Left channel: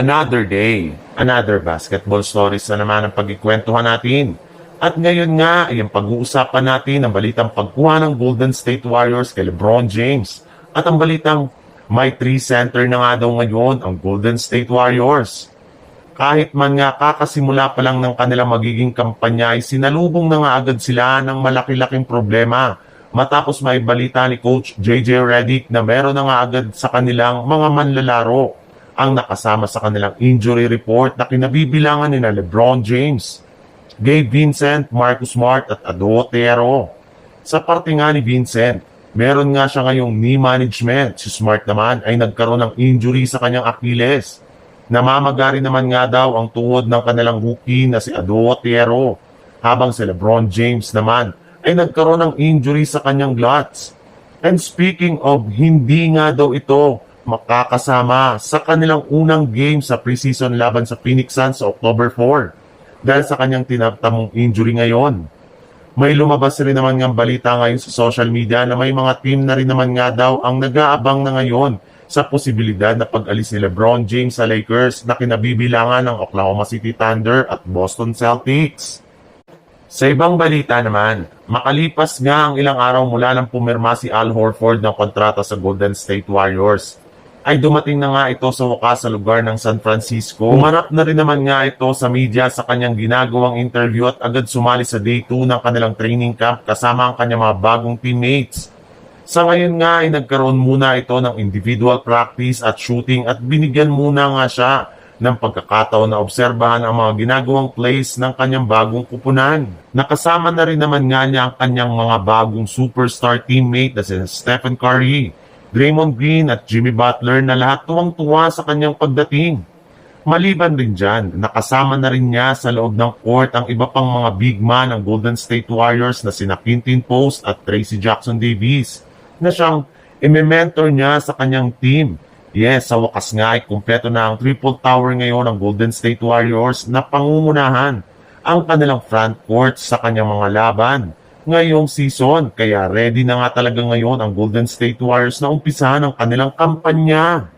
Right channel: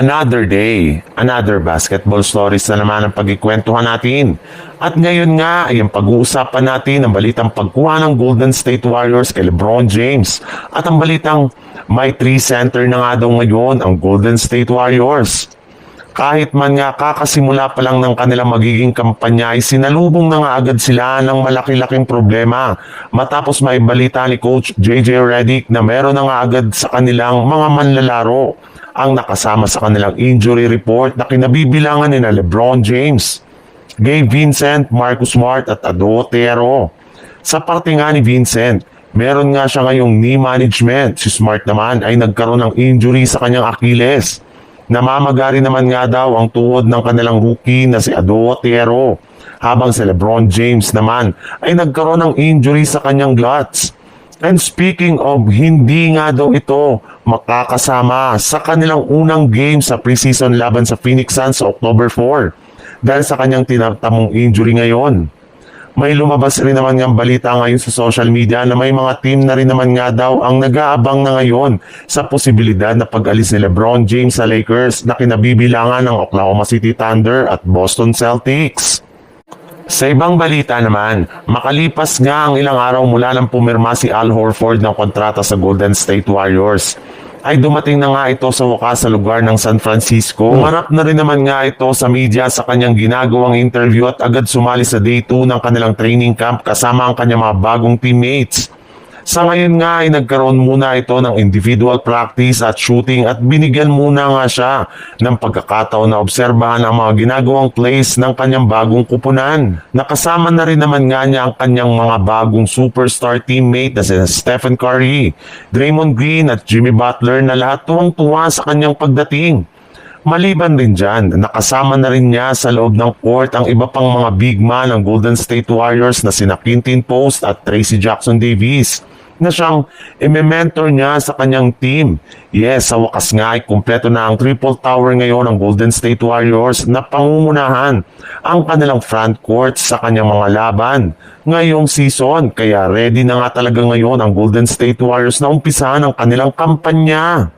Another day, another basketball stories na naman ang pagkikwentuhan natin. At ngayon nga ay ang pag-uusapan natin ang balitang pagkuha ng Golden State Warriors kay LeBron James. At ang balitang may 3 center na nga daw ngayon ang Golden State Warriors. Kahit man nga kakasimula pa lang ng kanilang magiging kampanya ay sinalubong na nga agad sila ng malaki-laking problema matapos may balita ni Coach JJ Redick na meron na nga agad sa kanilang mga manlalaro ang nakasama sa kanilang injury report na kinabibilangan ni LeBron James, Gabe Vincent, Marcus Smart at Ado Otero. Sa parte nga ni Vincent, meron nga siya ngayong knee management. Si Smart naman ay nagkaroon ng injury sa kanyang Achilles. Namamagari naman nga daw ang tuhod ng kanilang rookie na si Ado Otero. Habang si LeBron James naman ay nagkaroon ng injury sa kanyang glutes. And speaking of, hindi nga daw ito makakasama sa kanilang unang game sa preseason laban sa Phoenix Suns sa October 4 dahil sa kanyang tinagtamong injury ngayon. May lumabas rin naman niyang balita ngayon sa social media na may mga team na rin naman nga daw ang nag-aabang na ngayon sa posibilidad na pag-alis ni LeBron James sa Lakers na kinabibilangan ng Oklahoma City Thunder at Boston Celtics. Sa ibang balita naman, makalipas nga ang ilang araw mula nang pumirma si Al Horford ng kontrata sa Golden State Warriors, ay dumating na nga ito sa wakas sa lugar ng San Francisco. Umarap na rin naman nga ito sa media sa kanyang ginagawang interview at agad sumali sa day 2 ng kanilang training camp kasama ang kanyang mga bagong teammates. Sa ngayon nga ay nagkaroon muna ito ng individual practice at shooting at binigyan muna nga siya ng pagkakataon na obserbahan ang mga ginagawang plays ng kanyang bagong kupunan. Nakasama na rin naman nga niya ang kanyang mga bagong superstar teammate na si Stephen Curry, Draymond Green at Jimmy Butler na lahat tuwang-tuwa sa kanyang pagdating. Maliban rin dyan, nakasama na rin niya sa loob ng court ang iba pang mga big man ng Golden State Warriors na sina Quinton Post at Tracy Jackson Davis na siyang i-mentor niya sa kanyang team. Yes, sa wakas nga ay kumpleto na ang triple tower ngayon ng Golden State Warriors na pangungunahan ang kanilang front court sa kanyang mga laban ngayong season. Kaya ready na nga talaga ngayon ang Golden State Warriors na umpisahan ang kanilang kampanya.